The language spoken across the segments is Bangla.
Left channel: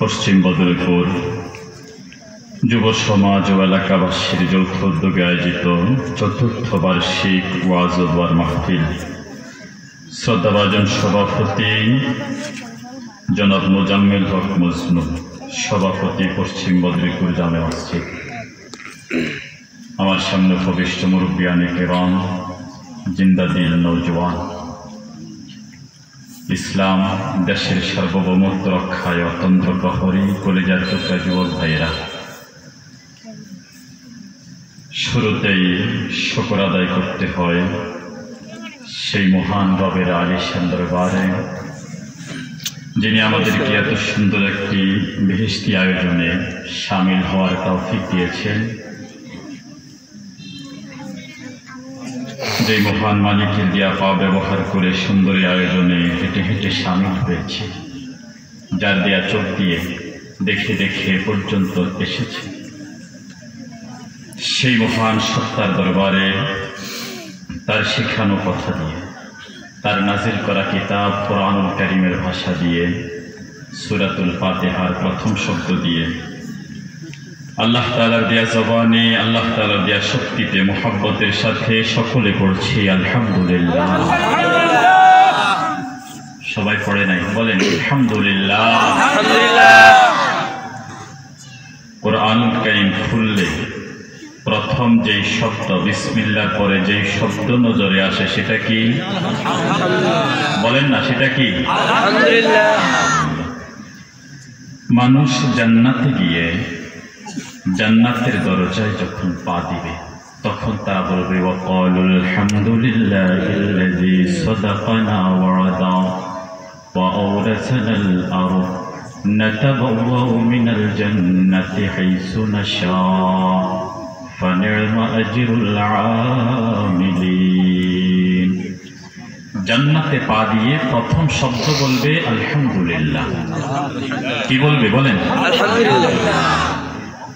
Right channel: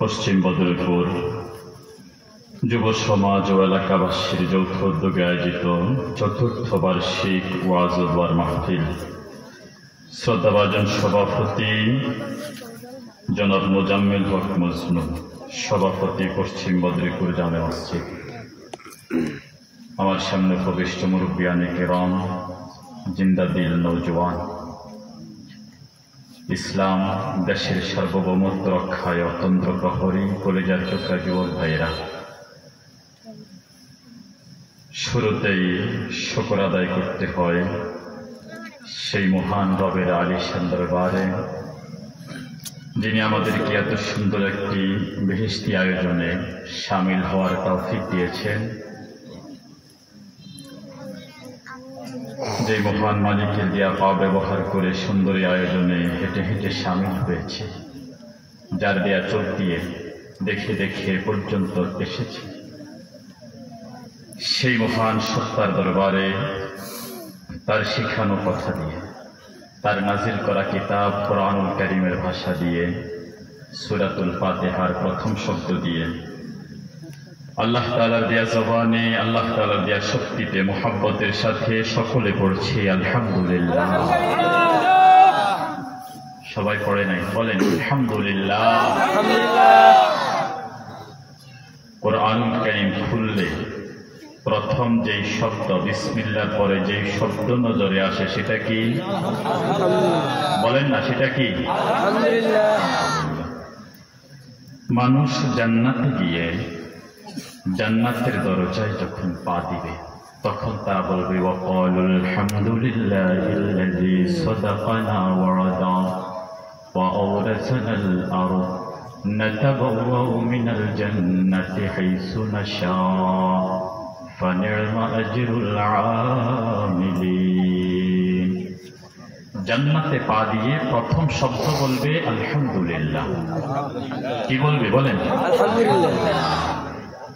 পশ্চিম বদরপুর যুব সমাজ ও এলাকাবাসীর যৌথ উদ্যোগে আয়োজিত চতুর্থ বার্ষিক ওয়াজ ও দোয়ার মাহফিল শ্রদ্ধাভাজন সভাপতি জনাব মোজাম্মেল হক মজনু, সভাপতি পশ্চিম বদরপুর জামে মসজিদ। আমার সামনে উপবিষ্ট মুরব্বিয়ানে কেরাম, জিন্দাদিল নৌজওয়ান, ইসলাম দেশের সার্বভৌমত্ব রক্ষায় অতন্ত্র প্রহরী কলেজার টুকরা যুবক ভাইয়েরা, শুরুতেই শুকর আদায় করতে হয় সেই মহান রবের আলিশান দরবারে, যিনি আমাদেরকে এত সুন্দর একটি বেহেশতি আয়োজনে শামিল হওয়ার তৌফিক দিয়েছেন। যে মহান মালিকের দেয়া পা ব্যবহার করে সুন্দর আয়োজনে হেঁটে হেঁটে শামিল হয়েছে, যার দেয়া চোখ দিয়ে দেখে দেখে পর্যন্ত এসেছে, সেই মহান সত্তার দরবারে তার শেখানো কথা দিয়ে, তার নাজিল করা কিতাব কোরআনুল কারীমের ভাষা দিয়ে, সূরাতুল ফাতিহার প্রথম শব্দ দিয়ে, আল্লাহ তাআলার দেয়া জবানে, আল্লাহ তাআলার দেয়া শক্তিতে মুহাব্বতের সাথে সকলে পড়ছি আলহামদুলিল্লাহ। সবাই পড়ে নাই? বলেন আলহামদুলিল্লাহ। কোরআনুল কারীম খুললে প্রথম যেই শব্দ বিসমিল্লাহ পরে যেই শব্দ নজরে আসে সেটা কি? বলেন না, সেটা কি? মানুষ জান্নাতে গিয়ে জান্নাতের দরজায় যখন পা দিবে তখন তারা বলবে ওয়াকালুল হামদুলিল্লাহিল্লাযী সাদাকানা ওয়া'দা ওয়া আওরাসানাল আরদ নাতাবাওয়াউ মিনাল জান্নাতি হাইসু নাশা ফানি'মা আজরুল আমিলিন। জান্নাতে পা দিয়ে প্রথম শব্দ বলবে আলহামদুলিল্লাহ। কি বলবে? বলেন আলহামদুলিল্লাহ।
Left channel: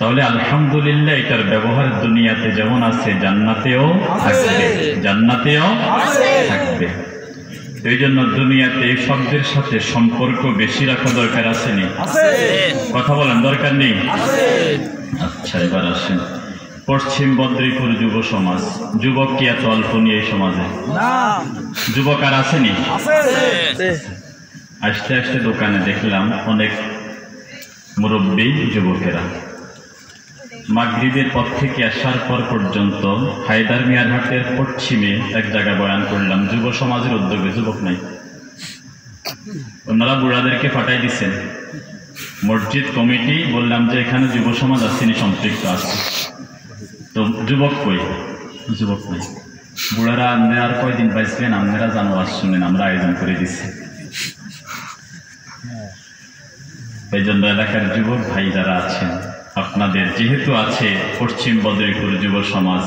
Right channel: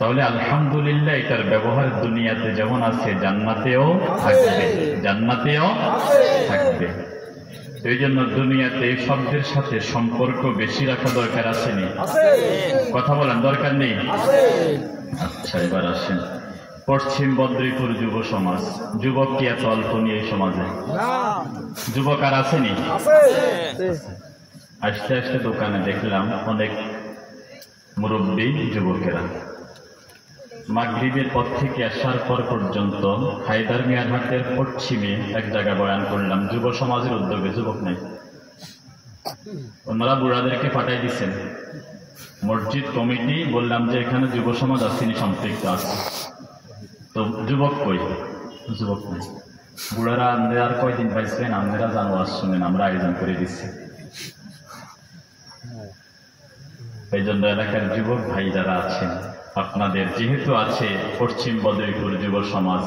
তাহলে আলহামদুলিল্লাহ এটার ব্যবহার দুনিয়াতে যেমন আছে জান্নাতেও থাকবে, জান্নাতেও থাকবে। এই জন্য দুনিয়াতে এই শব্দের সাথে সম্পর্ক বেশি রাখা দরকার আছে নি? কথা বলেন, দরকার নেই? আচ্ছা, এবার আসেন পশ্চিম বদরপুর যুব সমাজ। যুবক কি এত অল্প নিয়ে এই সমাজে? যুবক আর আসেনি? আসতে আসতে দোকানে দেখলাম অনেক মুরব্বী যুবকেরা মাগরিবের পর থেকে আসার পর পর্যন্ত হায়দার মিয়ার হাটের পশ্চিমে এক জায়গায় বয়ান করলাম, যুব সমাজের উদ্যোগে। যুবক নাই, ওনারা বুড়াদেরকে ফাটাই দিচ্ছেন। মসজিদ কমিটি বললাম যে এখানে যুব সমাজ আসেনি, সম্পৃক্ত আছে, তো যুবক কই? যুবক নাই। বুড়ারা আপনারা আর কয়দিন পাইছেন, আপনারা জানো, আজ শুনেন, আমরা আয়োজন করে দিচ্ছি। এই জন্য এলাকার যুবক ভাই যারা আছেন, আপনাদের যেহেতু আছে পশ্চিম বদরপুর যুব সমাজ,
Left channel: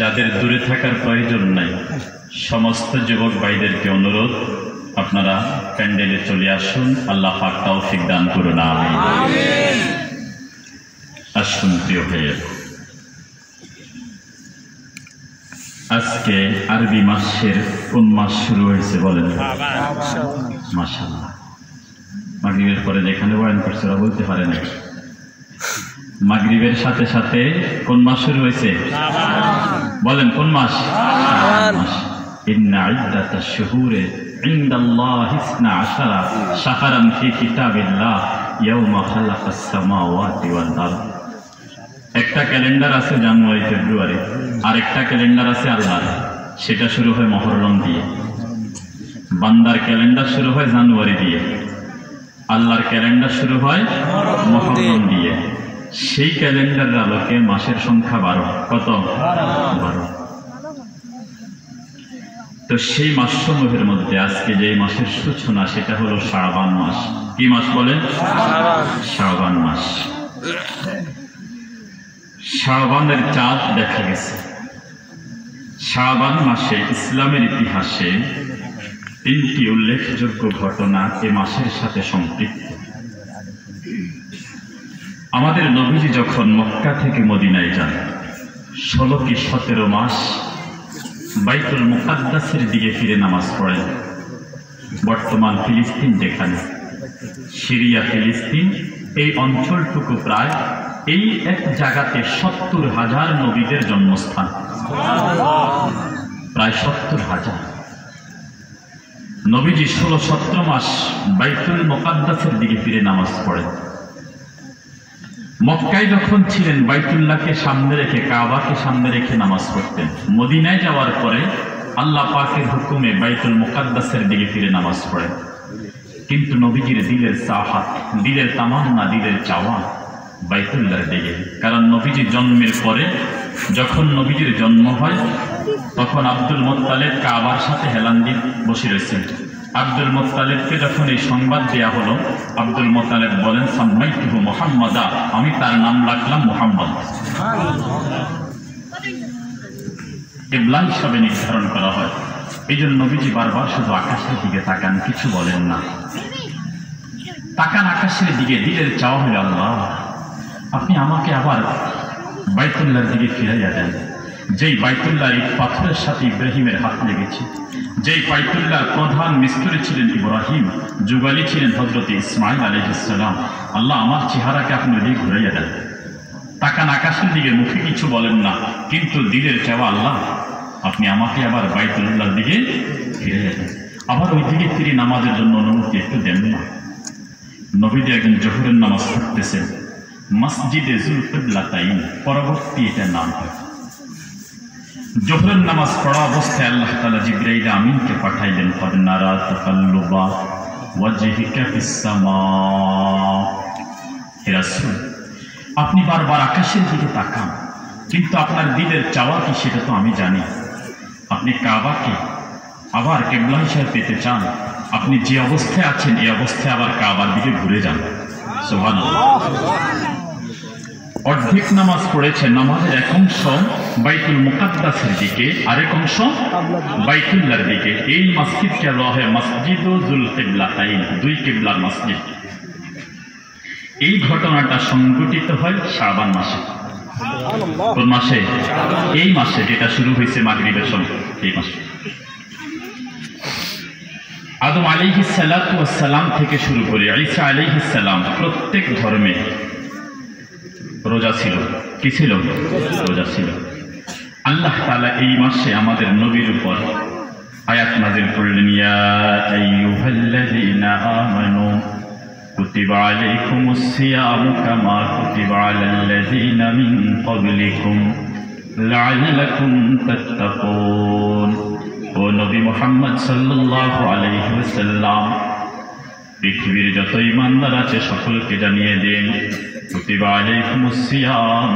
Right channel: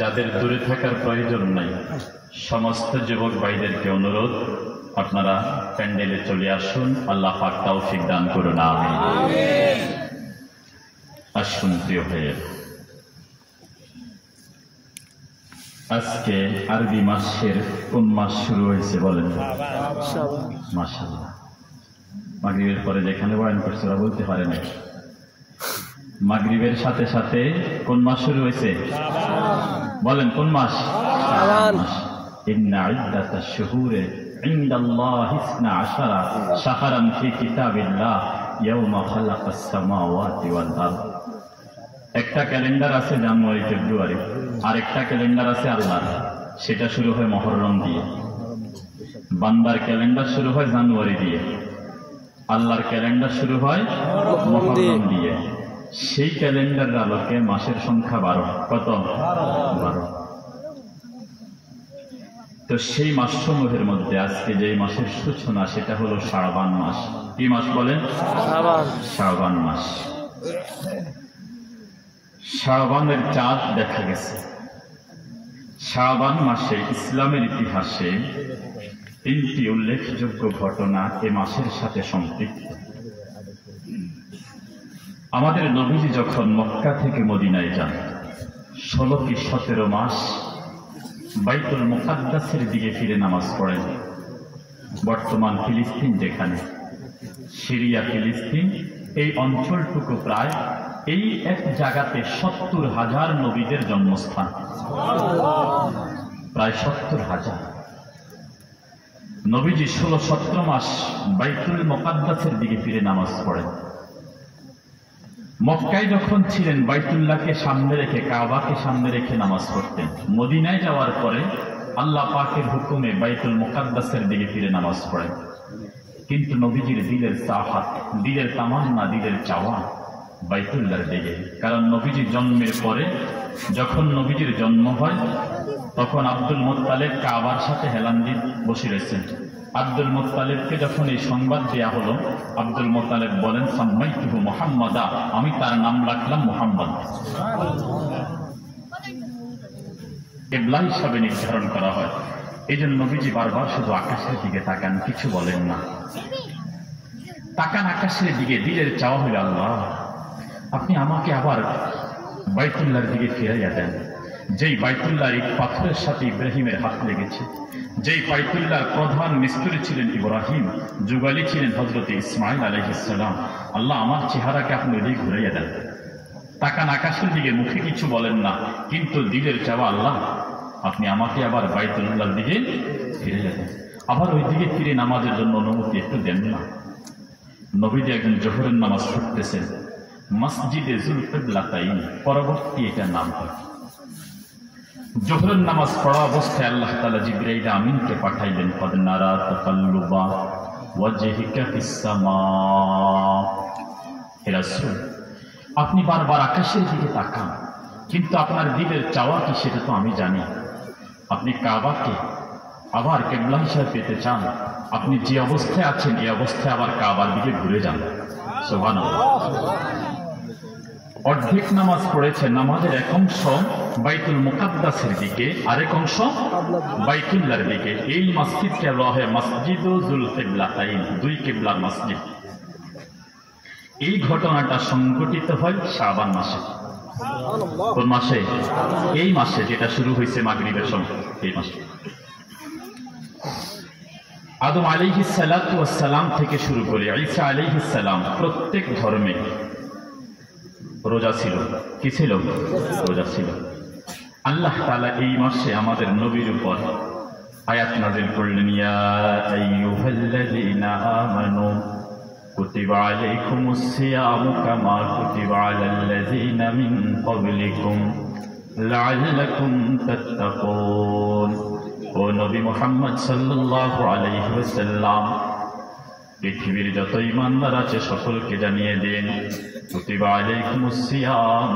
যাদের দূরে থাকার প্রয়োজন নাই, সমস্ত যুবক ভাইদেরকে অনুরোধ, আপনারা প্যান্ডেলে চলে আসুন। আল্লাহ পাক তৌফিক দান করুন, আমিন। আসুন প্রিয় ভাইয়ের, আজকে আরবি মাসের কোন মাস শুরু হয়েছে বলেন? মাশাআল্লাহ। মাগরিবের পরে যেখানে বয়ান করছে ওরা বলতে পারে না। মাগরিবের সাথে সাথে কোন মাস শুরু হয়েছে? বলেন কোন মাস? ইন্না ইদ্দাতাশ শুহুরি ইনদাল্লাহি 12 শাহরান ফি কিতাবিল্লাহ ইয়াওমা খালাকাস সামাওয়াতি ওয়াল আরদ। একটা ক্যালেন্ডার আছে জানুয়ারি ফেব্রুয়ারি, আর একটা ক্যালেন্ডার আছে আল্লাহর, সেটা শুরু হয় মুহররম দিয়ে। বান্দার ক্যালেন্ডার শুরু হয় জানুয়ারি দিয়ে, আল্লাহর ক্যালেন্ডার শুরু হয় মুহররম দিয়ে। সেই ক্যালেন্ডারের আলোকে মাসের সংখ্যা 12। কত? 12। তো সেই মাসসমূহের মধ্যে আজকে যে মাসের সূচনা সেটা হলো শাবান মাস। কি মাস বলেন? শাবান মাস। শাবানের চাঁদ দেখা গেছে। শাবান মাসে ইসলামের ইতিহাসে 3টি উল্লেখযোগ্য ঘটনা এ মাসের সাথে সম্পৃক্ত। আমাদের নবীজি যখন মক্কা থেকে মদিনায় যান, 16 কি 17 মাস বাইতুল মুকাদ্দাসের দিকে ফিরে নামাজ পড়েন। বর্তমান ফিলিস্তিন যেখানে, সিরিয়া, ফিলিস্তিন এই অঞ্চলটুকু প্রায় এই এক জায়গাতে 70,000 নবীদের জন্মস্থান, প্রায় 70,000। নবীজি 16-17 মাস বাইতুল মুকাদ্দাসের দিকে ফিরে নামাজ পড়েন। মক্কায় যখন ছিলেন বাইতুল্লাহকে সামনে রেখে, কাবাকে সামনে রেখে নামাজ পড়তেন। মদিনায় যাওয়ার পরে আল্লাহ পাকের হুকুমে বাইতুল মুকাদ্দাসের দিকে ফিরে নামাজ পড়েন। কিন্তু নবীজির দিলের চাহাত, দিলের তামান্না, দিলের চাওয়া বাইতুল্লাহর দিকে। কারণ নবীজি জন্মের পরে, যখন নবীজির জন্ম হয়, তখন আব্দুল মুত্তালিব কাবার সাথে হেলান দিয়ে বসে রয়েছেন। আব্দুল মুত্তালিবকে যখন এই সংবাদ দেয়া হলো, আব্দুল মুত্তালিব বলেন, সাম্মাইতুহু মুহাম্মাদা, আমি তার নাম রাখলাম মুহাম্মদ। কিবলা হিসাবে নির্ধারণ করা হয়। এই জন্য নবীজি বারবার শুধু আকাশের দিকে তাকান, কিছু বলেন না। তাকান আকাশের দিকে, দিলের চাওয়া হলো, আল্লাহ আপনি আমাকে আবার বাইতুল্লাহর দিকে ফিরাইয়া দেন। যেই বাইতুল্লাহ এই পাথরের সাথে ইব্রাহিমের হাত লেগেছে, যেই বাইতুল্লাহর প্রধান মিস্ত্রি ছিলেন ইব্রাহিম, যুগালি ছিলেন হযরত ইসমাঈল আলাইহিস সালাম। আল্লাহ আমার চেহারাকে আপনি ওদিকে ঘুরাইয়া দেন। তাকান আকাশের দিকে, মুখে কিছু বলেন না, কিন্তু দিলের চাওয়া, আল্লাহ আপনি আমাকে আবার বাইতুল্লাহর দিকে ফিরাইয়া দেন। আবার ওই দিকে ফিরে নামাজের জন্য অনুমতি একটু দেন না। নবীজি একদিন জোহরের নামাজ পড়তেছেন মসজিদে যুল কিবলাতাইন, পরবর্তী এটা নাম হয়। জোহরের নামাজ পড়া অবস্থায় আল্লাহ তাআলা জিবরাইল আমিনকে পাঠাইলেন, ক্বাদ নারা তাকাল্লুবা ওয়াজহিকা ফিস সামা। হে রাসূল, আপনি বারবার আকাশের দিকে তাকান, কিন্তু আপনার দিলের চাওয়া কি সেটা তো আমি জানি। আপনি কাবাকে আবার কিবলা হিসেবে পেতে চান, আপনি যে অবস্থায় আছেন এই অবস্থায় আবার কাবার দিকে ঘুরে যান। সুবহানাল্লাহ। অর্ধেক নামাজ পড়েছে, নামাজের এক অংশ বাইতুল মুকাদ্দাসের দিকে, আরেক অংশ বাইতুল্লাহর দিকে। এই মসজিদকে বলা হয় মসজিদুল কিবলাতাইন, দুই কিবলার মসজিদ। এই ঘটনাটা সংঘটিত হয় শাবান মাসে। কোন মাসে? এই মাসে, যেটা শুরু হয়েছে মাগরিবের সময়, এই মাসে। আদম আলাইহিস সালাতু ওয়াস সালাম থেকে শুরু করে ঈসা আলাইহিস সালাম প্রত্যেক ধর্মে রোজা ছিল। কি ছিল? রোজা ছিল। আল্লাহ তাআলা এই মাসে আমাদের নবীর উপর আয়াত নাযিল করলেন, ইয়া আইয়ুহাল্লাযীনা আমানু কুতিবা আলাইকুমুস সিয়ামু কামা কুতিবা আলাল্লাযীনা মিন ক্বাবলিকুম লাআল্লাকুম তাত্তাকুন। ও নবী মুহাম্মদ সাল্লাল্লাহু আলাইহি ওয়াসাল্লাম, পৃথিবীর যত ঈমানদার আছে সকলকে জানিয়ে দিন, কুতিবা আলাইকুমুস সিয়াম,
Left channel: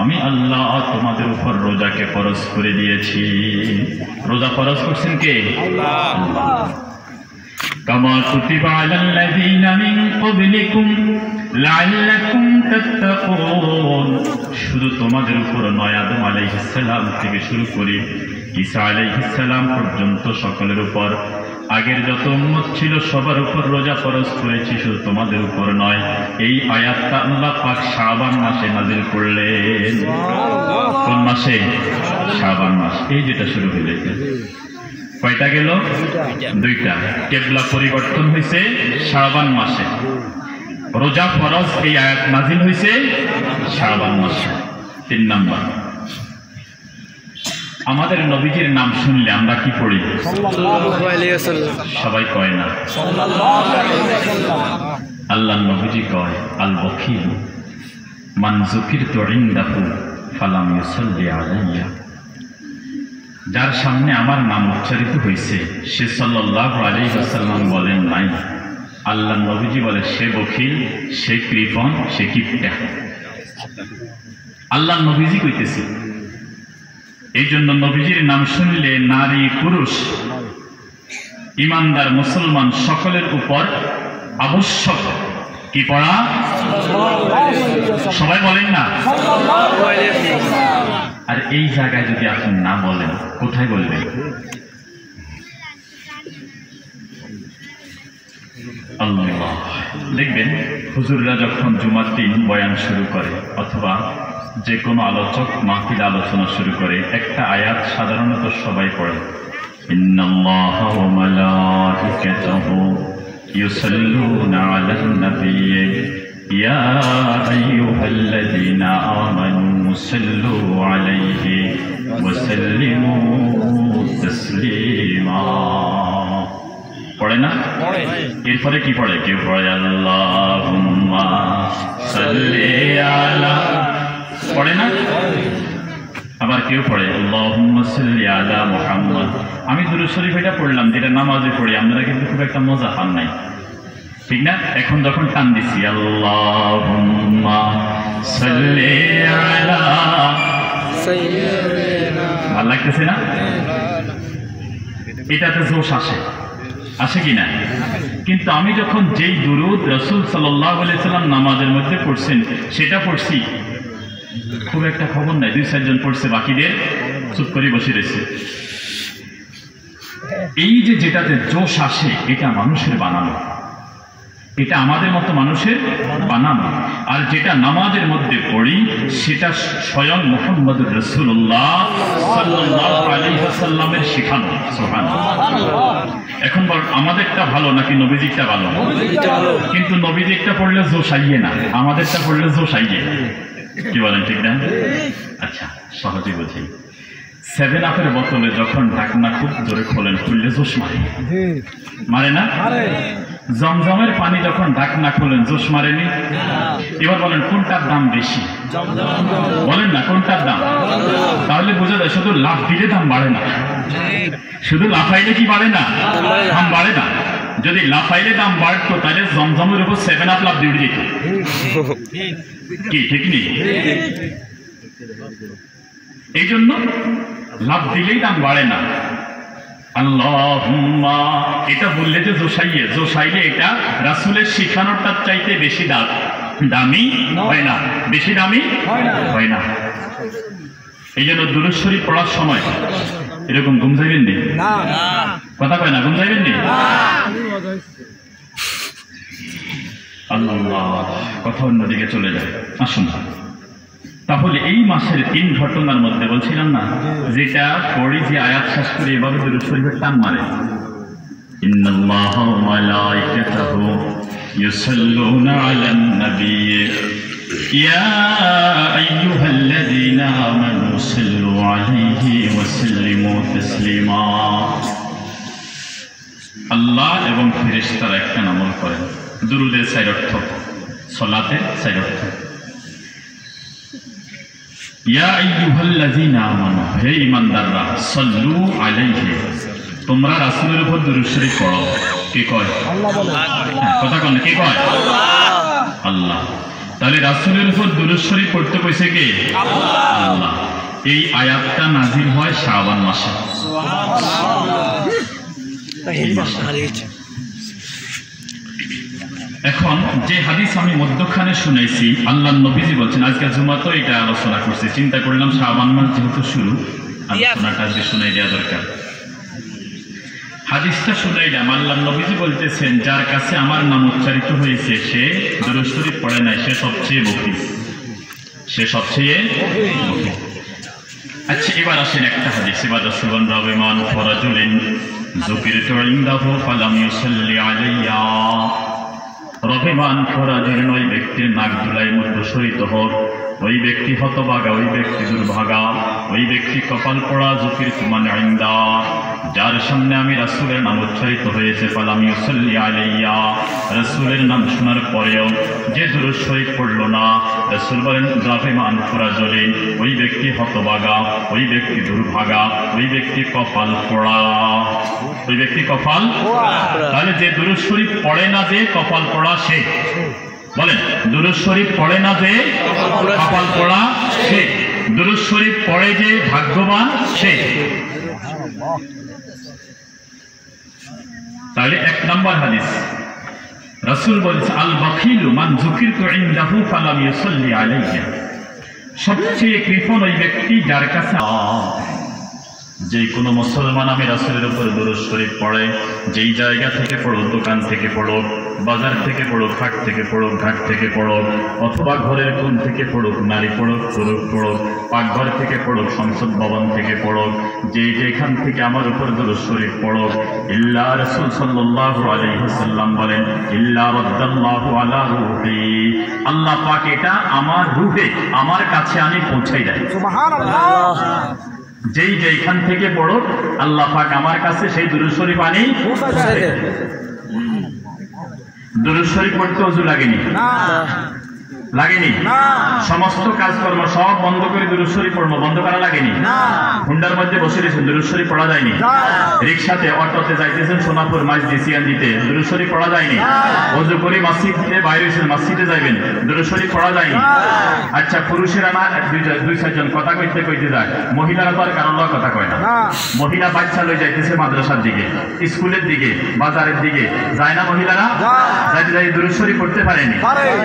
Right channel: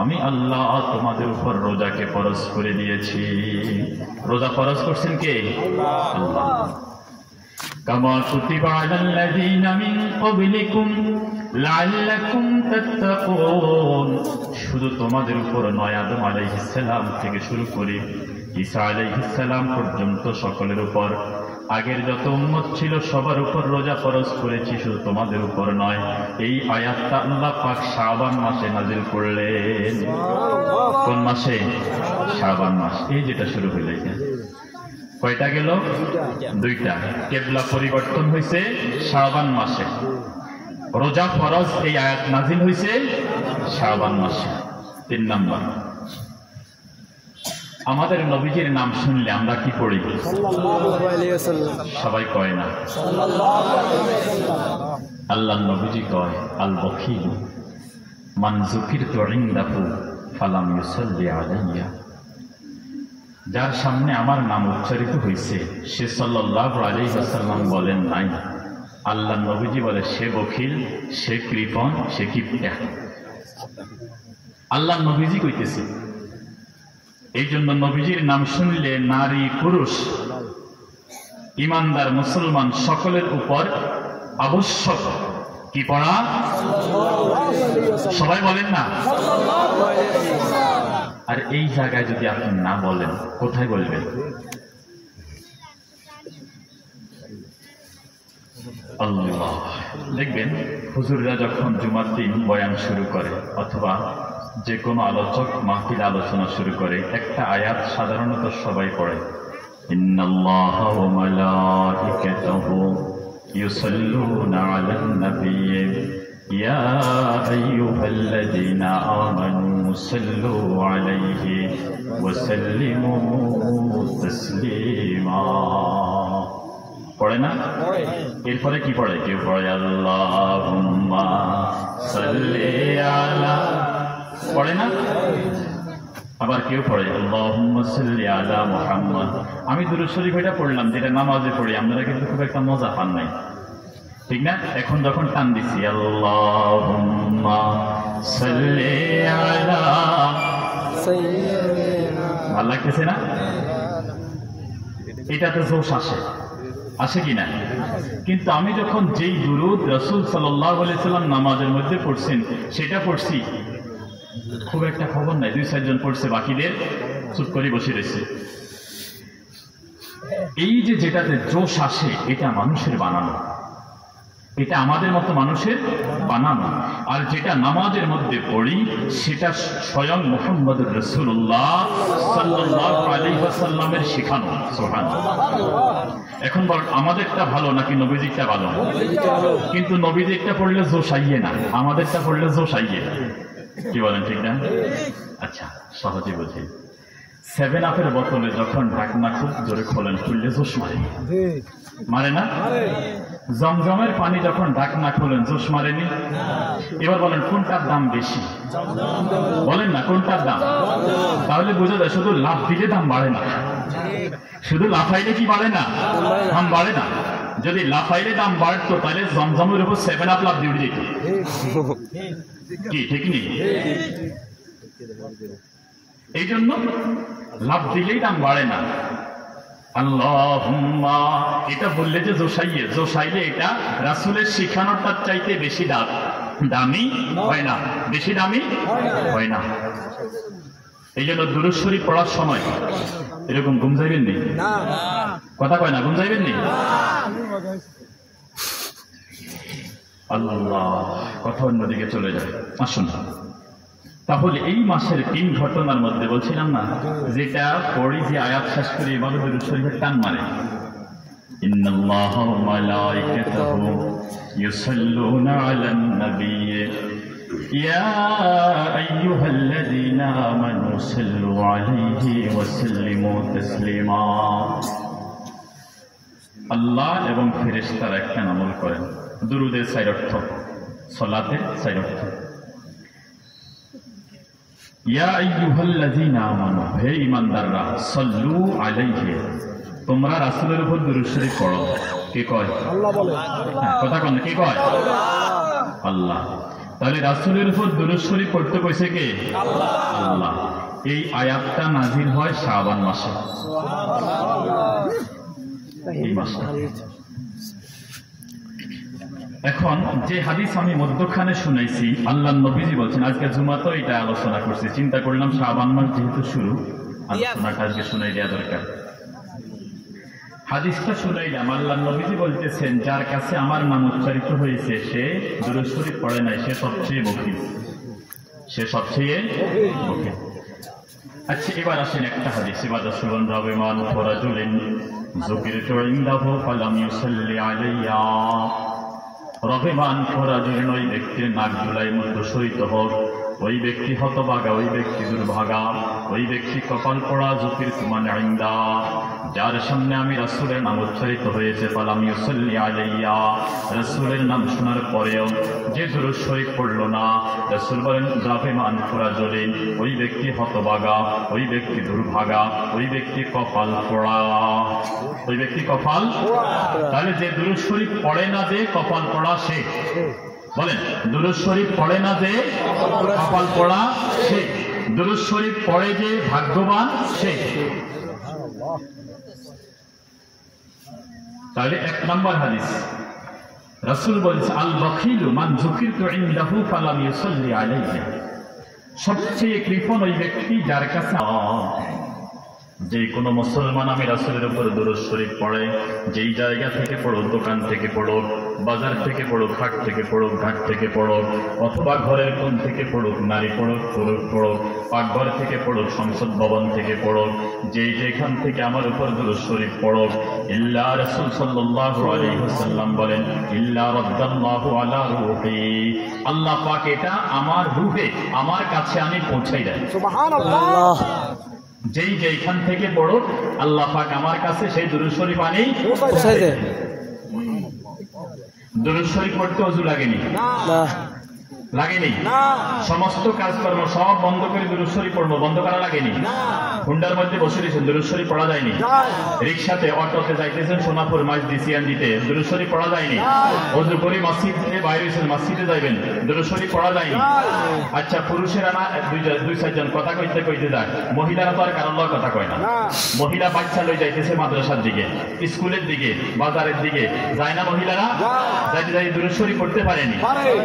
আমি আল্লাহ তোমাদের উপর রোজাকে ফরজ করে দিয়েছি। রোজা ফরজ করছেন কে? আল্লাহ। কামা কুতিবা আলাল্লাযীনা মিন ক্বাবলিকুম লাআল্লাকুম তাত্তাকুন, শুধু তোমাদের উপর নয়, আদম আলাইহিস সালাম থেকে শুরু করে ঈসা আলাইহিস সালাম পর্যন্ত সকলের উপর, আগের যত উম্মত ছিল সবার উপর রোজা ফরজ করেছি, শুধু তোমাদের উপর নয়। এই আয়াতটা আল্লাহ পাক শাবান মাসে নাযিল করলেন। কোন মাসে? শাবান মাস। এই যেটা শুরু হয়েছে, কয়টা গেল? দুইটা। কিবলা পরিবর্তন হয়েছে শাবান মাসে, রোজা ফরজ এই আয়াত নাযিল হয়েছে শাবান মাসে। 3 নম্বর, আমাদের নবীজির নাম শুনলে আমরা কি পড়ি? সবাই কয় না। আল্লাহর নবীজি কয়, আল বখিল মান যুকিরতু ইনদাহু ফালাম ইউসাল্লি আলাইয়া, যার সামনে আমার নাম উচ্চারিত হয়েছে সে সাল্লাল্লাহু আলাইহি ওয়াসাল্লাম বলেন নাই। আল্লাহর নবীজি বলে, সে বখিল, সে কৃপণ, সে কিপটা। আল্লাহর নবীজি কইতেছে। এই জন্য নবীজির নাম শুনলে নারী পুরুষ ইমানদার মুসলমান সকলের উপর আবশ্যক কি পড়া? সবাই বলেন না। আর এই জায়গায় যদি আপনি না বলেন, কোথায় বলবেন? আল্লাহ। দেখবেন হুজুররা যখন জুমার দিন বয়ান শুরু করে অথবা যে কোনো আলোচক মাহফিল আলোচনা শুরু করে, একটা আয়াত সাধারণত সবাই পড়ে, ইন্নাল্লাহা ওয়া মালাইকাতাহু يصلون على النبي يا أيها الذين آمنوا صلوا عليه وسلموا تسليما পড়ে না এরপরে কি পড়ে কেউ পড়ে আল্লাহুম্মা সাল্লি আলা পড়ে না আবার কেউ পড়ে আল্লাহুম্মা সাল্লি আলা মুহাম্মদ আমি দুরূদ শরীফ এটা পড়লাম যেটা নামাজে পড়ি আপনারা কিন্তু খুব একটা মজা পান নাই ঠিক না এখন যখন টান দিছি আল্লাহুম্মা সাল্লি আলা ভালো লাগতেছে না এটাতে জোশ আসে কি না কিন্তু আমি যখন যেই দুরূদ রাসূল সাল্লাল্লাহু আলাইহি সাল্লাম নামাজের মধ্যে পড়ছেন সেটা পড়ছি খুব একটা খবর নাই 2-4 জন পড়ছে বাকিদের চুপ করে বসে রয়েছে এই যে যেটাতে জোশ আসে এটা মানুষের বানানো এটা আমাদের মতো মানুষের বানানো আর যেটা নামাজের মধ্যে পড়ি সেটা স্বয়ং মুহাম্মদুর রাসূলুল্লাহ সাল্লাল্লাহু আলাইহি ওয়াসাল্লামের শেখানো সুবহানাল্লাহ এখন বল আমাদেরটা ভালো নাকি নবীজিরটা ভালো কিন্তু নবীজিরটা পড়লে জোশ আইয়ে না আমাদেরটা পড়লে জোশ আইয়ে কি বলেন ঠিক না আচ্ছা সহজে বুঝি 7 আপের বোতলে যখন ঢাকনা খুব জোরে খোলেন খুললে জোশ মারে না জমজমের পানি যখন ঢাকনা খোলেন জোশ মারেনি এবার বলেন কোনটার দাম বেশি বলেন না কোনটার দাম তাহলে বোঝা যায় শুধু লাফ দিলে দাম বাড়ে না শুধু লাফাইলে কি বাড়ে না দাম বাড়ে না যদি লাফাইলে দাম বাড়তো তাহলে জমজমের উপর 7 আপ লাফ দিয়ে উঠে যেত কি ঠিক নেই এই জন্য লাভ দিলেই দাম বাড়ে না আল্লাহুম্মা এটা বললে যে জোশাইলে এটা রাসূলের শিখানোরটার চাইতে বেশি দামি হয় না বেশি দামি হয় না এই জন্য দুরূদ শরীফ পড়ার সময় এরকম ঘুম যাইবেন নি কথা কয় না ঘুম যাইবেন নি আল্লাহ কথা অন্যদিকে চলে যায় আসুন তাহলে এই মাসের 3 ঘটনার মধ্যে বলছিলাম না যেটা পড়ি যে আয়াত শেষ করে এভাবে দুরূদ শরীফের টান মারে ইন্নাল্লাহা ওয়া মালাইকাতাহু ইউসাল্লুনা আলান নাবিয়্যি ইয়া আইয়ুহাল্লাযীনা আমানু সাল্লু আলাইহি ওয়া সাল্লিমু তাসলিমা আল্লাহ এবং ফেরেশতারা একটা আমল করেন দুরূদের 4 অর্থ সালাতের 4 অর্থ ইয়া আইয়ুহাল্লাযীনা আমানু হে ঈমানদাররা সাল্লু আলাইহি তোমরা রাসূলের উপর দুরূদ শরীফ পড়ো কে কয় আল্লাহ বলে কথা কোন কে কয় আল্লাহ তাহলে রাসূলের উপর দুরূদ শরীফ পড়তে কইছে কে আল্লাহ এই আয়াতটা নাযিল হয় শাবান মাসে সুবহানাল্লাহ এখন যে হাদিস আমি মধ্যখানে শুনেছি আল্লাহর নবীজি বলছেন আজকে জুমাতে এটা আলোচনা করছি চিন্তা করলাম শাবান মাস যেহেতু শুরু আলোচনাটা আজকে শুনাই দেওয়া দরকার হাদিসটা শুনাইলাম আল্লাহর নবীজি বলতেছেন যার কাছে আমার নাম উচ্চারিত হয়েছে সে দুরূদ শরীফ পড়ে নাই সে সবচেয়ে বখি আচ্ছা এবার আসেন একটা হাদিস এবার রাসূলুল্লাহ রাবিমান ফরাজুলিন যুকিরতু ইনদাহু ফালাম ইউসাল্লি আলাইয়া রবিমান ফরাজুলিন ওই ব্যক্তির নাক ধুলাই মধ্যে সহিত হোক ওই ব্যক্তি হতভাগা ওই ব্যক্তি দুর্ভাগা ওই ব্যক্তি কপাল পোড়া যুকিরতু মান ইনদা যার সামনে আমি রাসূলের নাম উচ্চারিত হয়েছে ফালাম ইউসাল্লি আলাইয়া রাসূলের নাম শোনার পরেও যে দুরূদ শরীফ পড়ল না রাসূল বলেন রবিমান ফরাজুলিন ওই ব্যক্তি হতভাগা ওই ব্যক্তি দুর্ভাগা ওই ব্যক্তি কপাল পোড়া ওই ব্যক্তি কপাল তাহলে যে দুরূদ শরীফ পড়ে না যে কপাল পোড়া সে বলেন দুরূদ শরীফ পড়ে না যে কপাল পোড়া সে দুরূদ শরীফ পড়ে যে ভাগ্যবান সে তাহলে 1 নম্বর হাদিস রাসূল বলেছেন আল বখিলু মান যুকিরতু ইনদাহু ফালাম ইউসাল্লি আলাইহি সবচেয়ে কৃপণ ওই ব্যক্তি যার কাছে যে কোনো মুসলমান আমি রাসূলের উপর দুরূদ শরীফ পড়ে, যেই জায়গা থেকে পড়ো, দোকান থেকে পড়ো, বাজার থেকে পড়ো, হাট থেকে পড়ো, ঘাট থেকে পড়ো, অথবা ঘরের কোণ থেকে পড়ুক, নারী পড়ুক, পুরুষ পড়ুক, পাকঘর থেকে পড়ুক, সংসদ ভবন থেকে পড়ুক, যেখান থেকে আমার উপর দুরূদ শরীফ পড়ুক, ইল্লা রাসূল সাল্লাল্লাহু আলাইহি ওয়াসাল্লাম বলেন, ইল্লা রাদ্দাল্লাহু আলা রূহি, আল্লাহ পাক এটা আমার রূহে, আমার কাছে আনি পৌঁছাই দেয়। সুবহানাল্লাহ। যেইখান থেকে পড়ো, আল্লাহ পাক আমার কাছে সেই দুরূদ শরীফ আনি পৌঁছাই দেয়। দুরূদ শরীফ পড়তে ওযু লাগেনি, লাগেনি। সমস্ত কাজকর্ম সব বন্ধ করে দুরূদ শরীফ পড়বো, বন্ধ করা লাগেনি। হুন্ডার মধ্যে বসে রয়েছেন, দুরূদ শরীফ পড়া যায়নি। রিক্সাতে, অটোতে যাইতেছেন সোনাপুর মাইজদিসিয়ান দিতে, দুরূদ শরীফ পড়া যায়নি। ওযু করে মসজিদে বাইরে হয়েছেন, মসজিদে যাইবেন, দুরূদ শরীফ পড়া যায়নি। আচ্ছা, পুরুষেরা না দুই চারজন কথা কইতে কইতে যায়, মহিলারা তো আর কারোর কথা কয় না। মহিলা বাচ্চা লই যাইতেছে মাদ্রাসার দিকে, স্কুলের দিকে, বাজারের দিকে যায় না মহিলারা? যাইতে যাই দুরূদ শরীফ পড়তে পারেনি।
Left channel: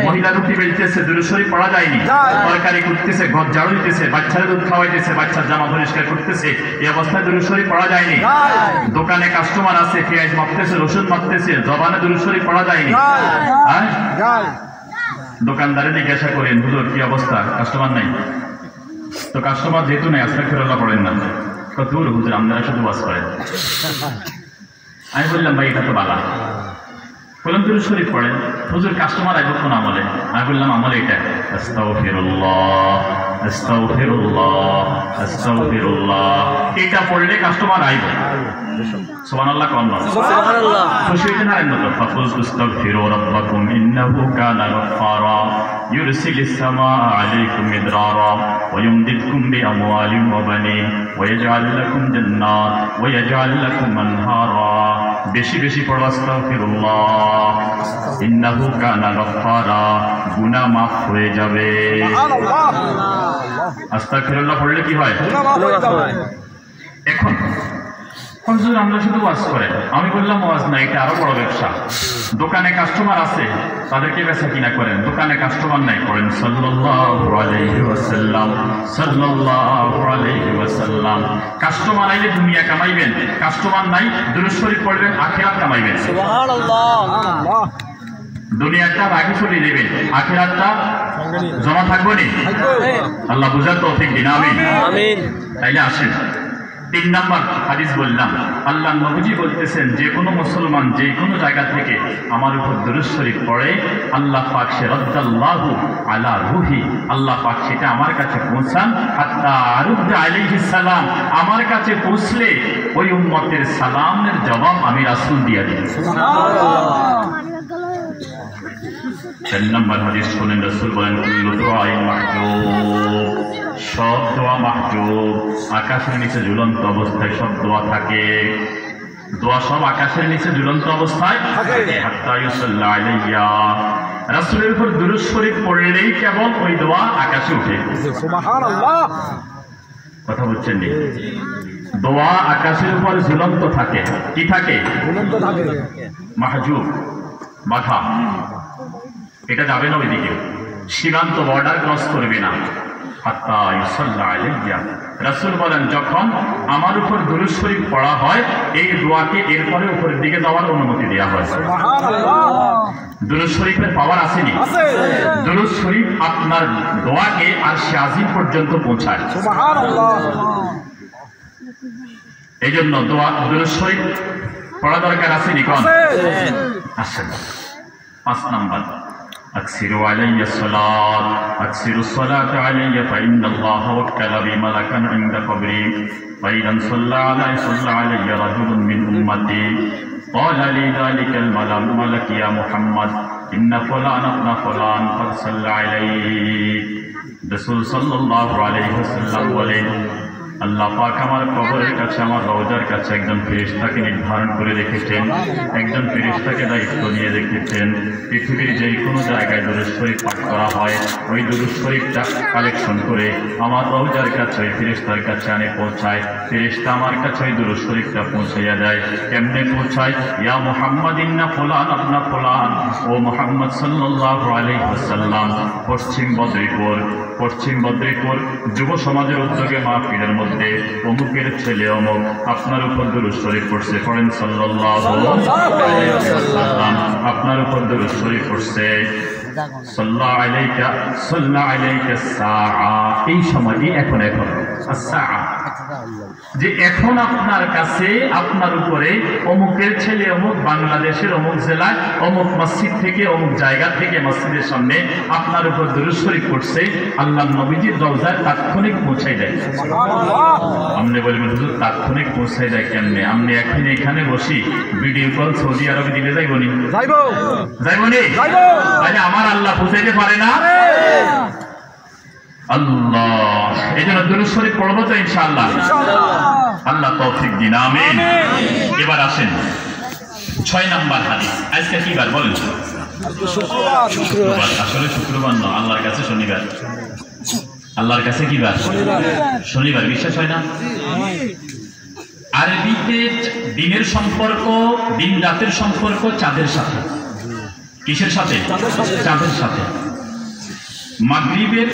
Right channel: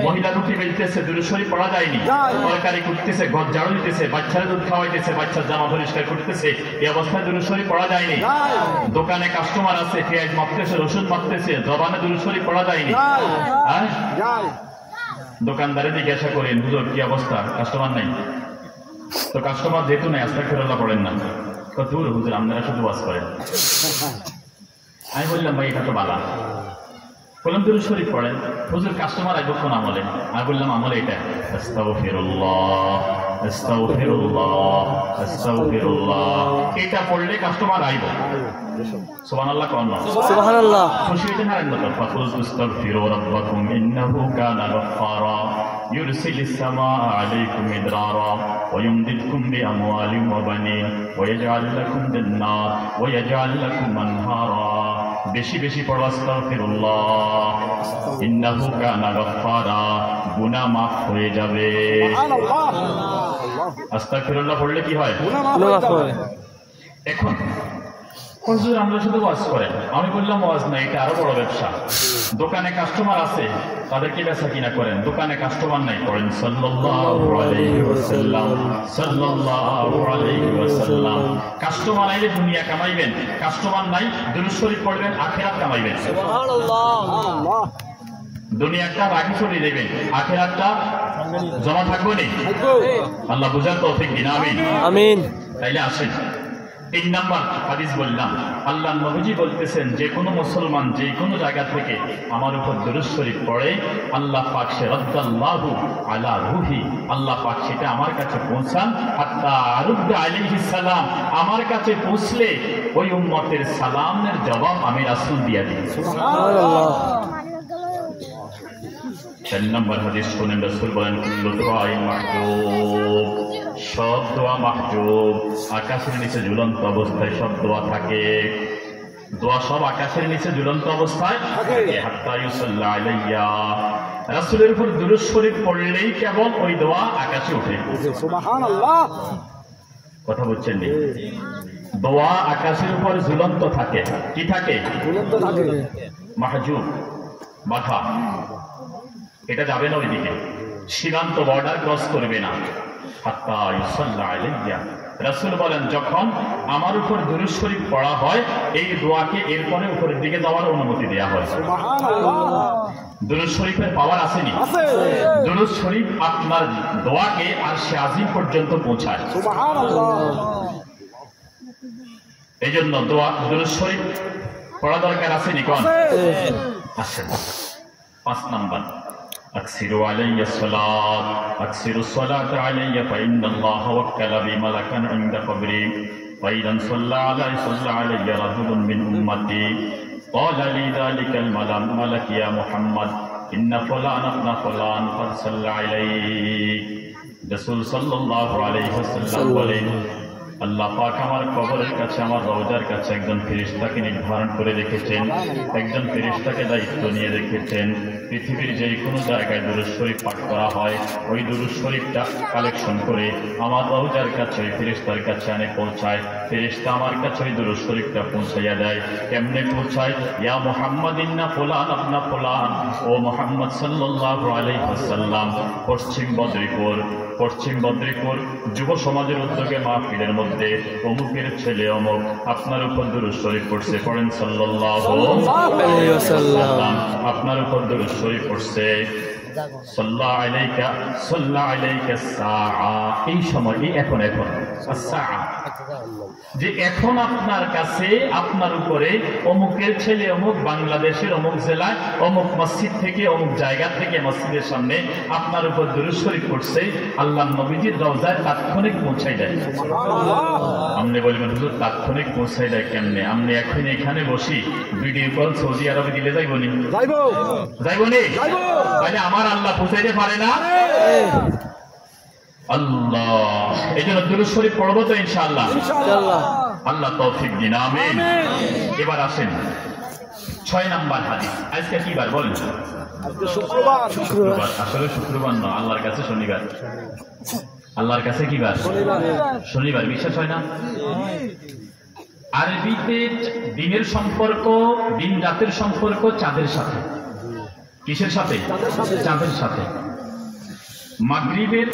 মহিলা রুটি বেলতেছে, দুরূদ শরীফ পড়া যায়নি। তরকারি করতেছে, ঘর ঝাড়ু দিতেছে, বাচ্চারা দুধ খাওয়াইতেছে, বাচ্চার জামা পরিষ্কার করতেছে, এই অবস্থায় দুরূদ শরীফ পড়া যায়নি। দোকানে কাস্টমার আছে, পেঁয়াজ মাপতেছে, রসুন মাপতেছে, জবানে দুরূদ শরীফ পড়া যায়নি। দোকানদারে জিজ্ঞাসা করেন, হুজুর কি অবস্থা, কাস্টমার নাই? তো কাস্টমার যেহেতু নেই, আস্তাগফিরুল্লাহ পড়েন না। দূর হুজুর, আপনারা শুধু ওয়াজ করেন। আমি বললাম, ভাই এটা তো বালা। বললাম দুরূদ শরীফ পড়েন। হুজুর কাস্টমার আইব কোন আমলে? আমি বললাম আমলে এটা, আস্তাগফিরুল্লাহ আস্তাগফিরুল্লাহ আস্তাগফিরুল্লাহ, এটা পড়লে কাস্টমার আইব। সুবহানাল্লাহ কোন না? সুবহানাল্লাহ। খুশি হইতে না তো, ফাকুল তুস্তাগফিরু রাব্বাকুম ইন্নাহু কানা গফফারা ইউরসিলিস সামাআ আলাইকুম মিদরারা ওয়া ইউমদিদকুম বিআমওয়ালিন ওয়া বানিন ওয়া ইয়াজআল লাকুম জান্নাত ওয়া ইয়াজআল লাকুম আনহারা। বেশি বেশি পড়ো আস্তাগফিরুল্লাহ, ইন্নাহু কানা গফফারা, গুনাহ মাফ হয়ে যাবে। আস্তাগফিরুল্লাহ পড়লে কি হয়? এখন হুজুর আমরা শুধু ওয়াজ করেন। আমি বললাম ওয়াজ না, এটা আরো বড় ব্যবসা। দোকানে কাস্টমার আছে, তাদেরকে বেচা কিনা করেন। দোকানে কাস্টমার নাই, করেন সাল্লাল্লাহু আলাইহি ওয়াসাল্লাম সাল্লাল্লাহু আলাইহি ওয়াসাল্লাম। কাস্টমার আইলে দুনিয়া কামাইবেন, কাস্টমার নাই দুরূদ শরীফ পড়বেন, আখিরাত কামাইবেন। সুবহানাল্লাহ। দুনিয়াটা রাখি চলে দেবেন, আখিরাতটা জমা থাকবে না। আল্লাহ বুঝার তৌফিক দিন, আমিন আমিন। তাইলে আসেন 3 নম্বর হাদিস বললাম, আল্লাহ নবীজি বলতেছেন, যে কোনো মুসলমান যে কোনো জায়গা থেকে আমার উপর দুরূদ শরীফ পড়ে, আল্লাহ পাক সে রাদ্দাল্লাহু আলা রূহি, আল্লাহ পাক সেটা আমার কাছে পৌঁছান, হাত্তা আরুদ্দা আলাইহিস সালাম, আমার কাছে পৌঁছলে ওই উম্মতের সালামের জবাব আমি রাসূল দিয়া দিই। সুবহানাল্লাহ। 4 নম্বর হাদিস শুনেন, রাসূল বলেন, কুল্লু দুআইন মাহজুব, সব দোয়া মাহজুব, আকাশের নিচে ঝুলন্ত অবস্থায় সব দোয়া থাকে। দোয়া সব আকাশের নিচে ঝুলন্ত অবস্থায় থাকে। হাত্তা ইউসাল্লা আলাইয়া, রাসূলের উপর দুরূদ শরীফ পড়লেই কেবল ওই দোয়া আকাশে উঠে। সুবহানাল্লাহ। কথা বুঝছেন নি? দোয়া আকাশের উপর ঝুলন্ত থাকে। কি থাকে? ঝুলন্ত থাকে। মাহজুব, বাধা, এটা যাবে না ওইদিকে, সীমান্ত বর্ডার ক্রস করবে না। হাত্তা ইউসাল্লা আলাইয়া, রাসূল বলেন, যখন আমার উপর দুরূদ শরীফ পড়া হয়, এই দোয়াকে এরপরে উপরের দিকে যাওয়ার অনুমতি দেওয়া হয়। সুবহানাল্লাহ। দুরূদ শরীফের পাওয়ার আসেনি? দুরূদ শরীফ আপনার দোয়াকে আরশে আজিম পর্যন্ত পৌঁছায়। সুবহানাল্লাহ। এই জন্য দুরূদ শরীফ পড়া দরকার আসেনি? কোন আসে? 5 নম্বর, أكثروا علي الصلاة، أكثروا الصلاة علي فإن الله وكل بي ملكا عند قبري فإذا صلى علي رجل من أمتي قال لي ذلك الملك يا محمد إن فلان ابن فلان قد صلى عليك। رسول সাল্লাল্লাহু আলাইহি ওয়াসাল্লাম বলেন, আল্লাহ পাক আমার কবরের কাছে, আমার রওজার কাছে একজন ফেরেশতাকে নির্ধারণ করে রেখেছেন, একজন ফেরেশতাকে দায়িত্ব নিয়ে রেখেছেন। পৃথিবীর যে কোনো জায়গায় দুরূদ শরীফ পাঠ করা হয়, ওই দুরূদ শরীফটা কালেকশন করে আমার রওজার কাছে ওই ফেরেশতার কাছে আনে পৌঁছায়। ফেরেশতা আমার কাছে ওই দুরূদ শরীফটা পৌঁছাইয়া দেয়। কেমনে পৌঁছায়? ইয়া মুহাম্মাদ ইন্না ফুলান আপনা ফুলান, ও মুহাম্মদ সাল্লাল্লাহু আলাইহি ওয়াসাল্লাম, পশ্চিম বদ্রীপুর যুব সমাজের উদ্যোগে মাহফিলের মধ্যে অমুকের ছেলে অমুক আপনার উপর দুরূদ শরীফ পড়ছে, পড়েন সাল্লাল্লাহু আলাইহি ওয়াসাল্লাম, আপনার উপর দুরূদ শরীফ পড়ছে, সাল্লাল্লাহু আলাইকা সাআ, এই সময় এখন সাআ, যে এখন আপনার কাছে আপনার উপরে অমুকের ছেলে অমুক বাংলাদেশের অমুক জেলায় অমুক মসজিদ থেকে অমুক জায়গা থেকে মসজিদের সামনে আপনার উপর দুরূদ শরীফ পড়ছে, আল্লাহ নবীজির রওজায় তাৎক্ষণিক পৌঁছাই দেয়। আপনি বলবেন হুজুর তাৎক্ষণিক পৌঁছাই দেয় কেমনে? আপনি এখন এখানে বসি ভিডিও কল সৌদি আরবে দিলে যাইবনি? যাইবনি? তাহলে আমার আল্লাহ পৌঁছাইতে পারে না? আল্লাহ, এই জন্য দুরূদ শরীফ পড়বো তো ইনশাআল্লাহ। আল্লাহ তৌফিক দিন, আমিন। এবার আসেন 6 নাম্বার হাদিস। আজকে কি বার বলেন? শুক্রবার। আসলে শুক্রবার না, আল্লাহর কাছে শনিবার। আল্লাহর কাছে কি বার? শনিবার। বিশ্বাস হয় না? আরবিতে দিনের সম্পর্ক, দিন রাতের সম্পর্ক চাঁদের সাথে। কিসের সাথে? চাঁদের সাথে। মাগরিবের